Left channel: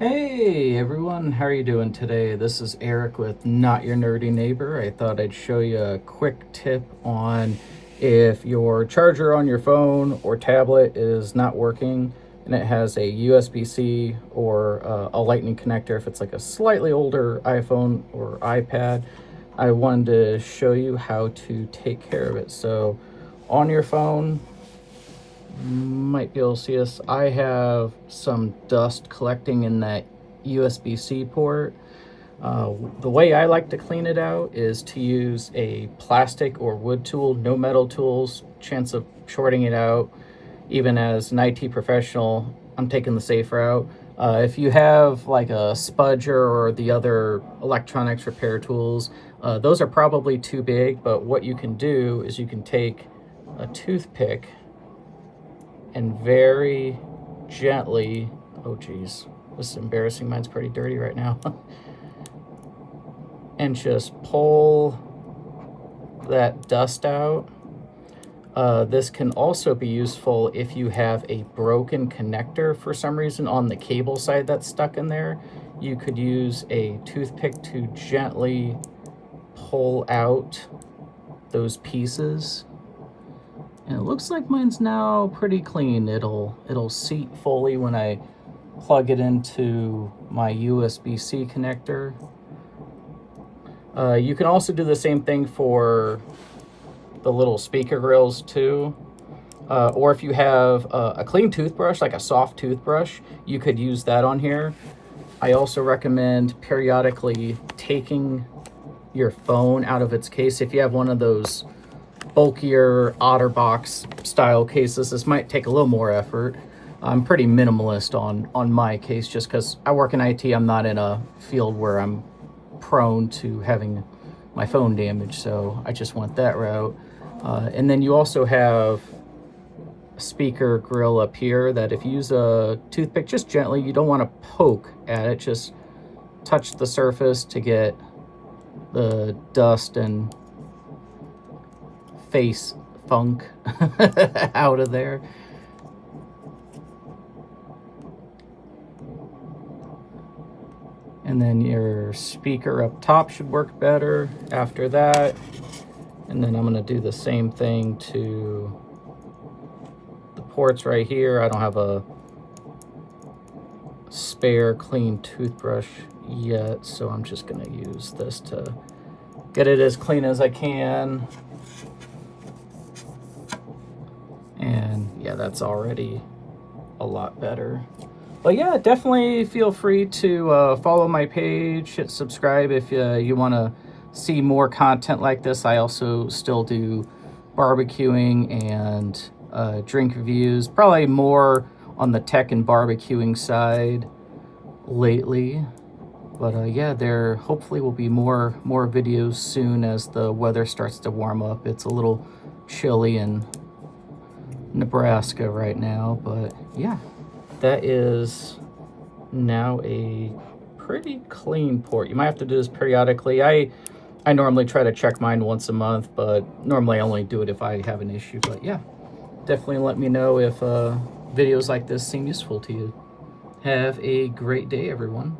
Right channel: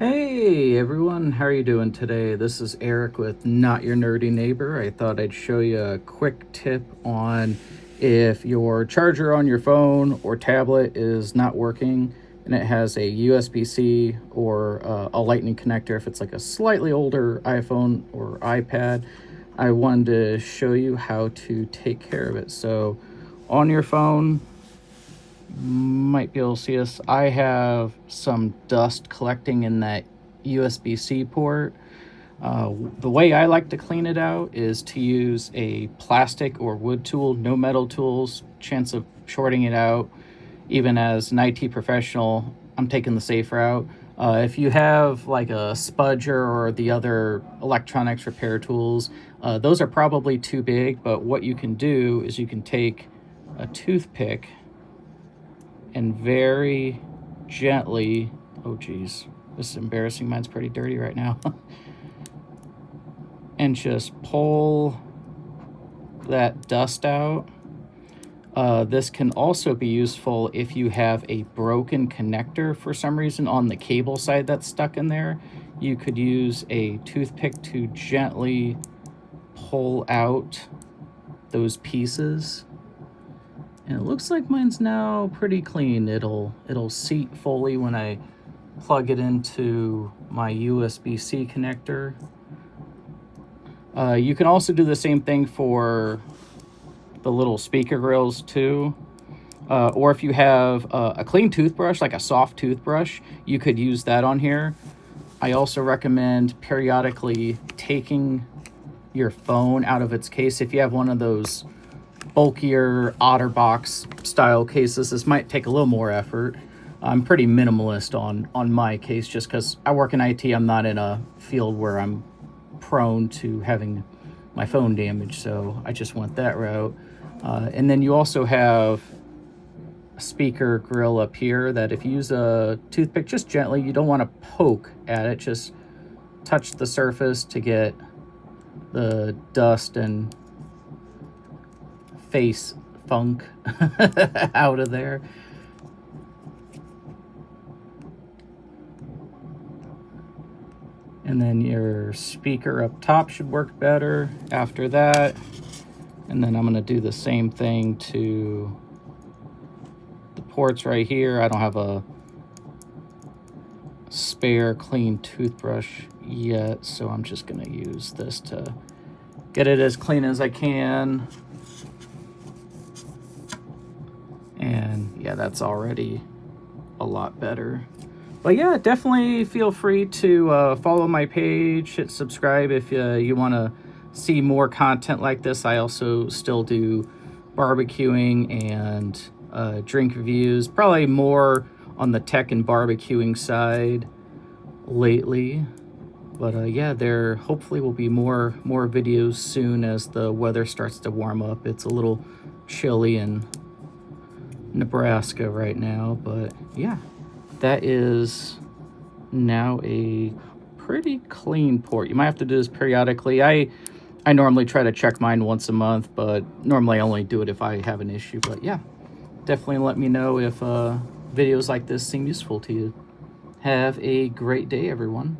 Hey everyone, how are you doing today? This is Eric with Not Your Nerdy Neighbor. I thought I'd show you a quick tip on if your charger on your phone or tablet is not working and it has a USB-C or a lightning connector. If it's like a slightly older iPhone or iPad, I wanted to show you how to take care of it. So on your phone, might be able to see this. I have some dust collecting in that USB-C port. The way I like to clean it out is to use a plastic or wood tool, no metal tools, chance of shorting it out. Even as an IT professional, I'm taking the safe route. If you have like a spudger or the other electronics repair tools, those are probably too big, but what you can do is you can take a toothpick and very gently, oh geez, this is embarrassing, mine's pretty dirty right now, and just pull that dust out. This can also be useful if you have a broken connector for some reason on the cable side that's stuck in there. You could use a toothpick to gently pull out those pieces. And it looks like mine's now pretty clean. It'll seat fully when I plug it into my USB-C connector. You can also do the same thing for the little speaker grills too. Or if you have a clean toothbrush, like a soft toothbrush, you could use that on here. I also recommend periodically taking your phone out of its case. If you have one of those bulkier OtterBox style cases, this might take a little more effort. I'm pretty minimalist on my case just because I work in IT. I'm not in a field where I'm prone to having my phone damaged, so I just went that route. And then you also have a speaker grill up here that if you use a toothpick just gently, you don't want to poke at it, just touch the surface to get the dust and face funk out of there. And then your speaker up top should work better after that. And then I'm going to do the same thing to the ports right here. I don't have a spare clean toothbrush yet, so I'm just going to use this to get it as clean as I can. And yeah, that's already a lot better. But yeah, definitely feel free to follow my page, hit subscribe if you want to see more content like this. I also still do barbecuing and drink reviews, probably more on the tech and barbecuing side lately. But yeah, there hopefully will be more videos soon as the weather starts to warm up. It's a little chilly in Nebraska right now, but yeah, that is now a pretty clean port. You might have to do this periodically. I normally try to check mine once a month, but normally I only do it if I have an issue. But yeah, definitely let me know if videos like this seem useful to you. Have a great day, everyone.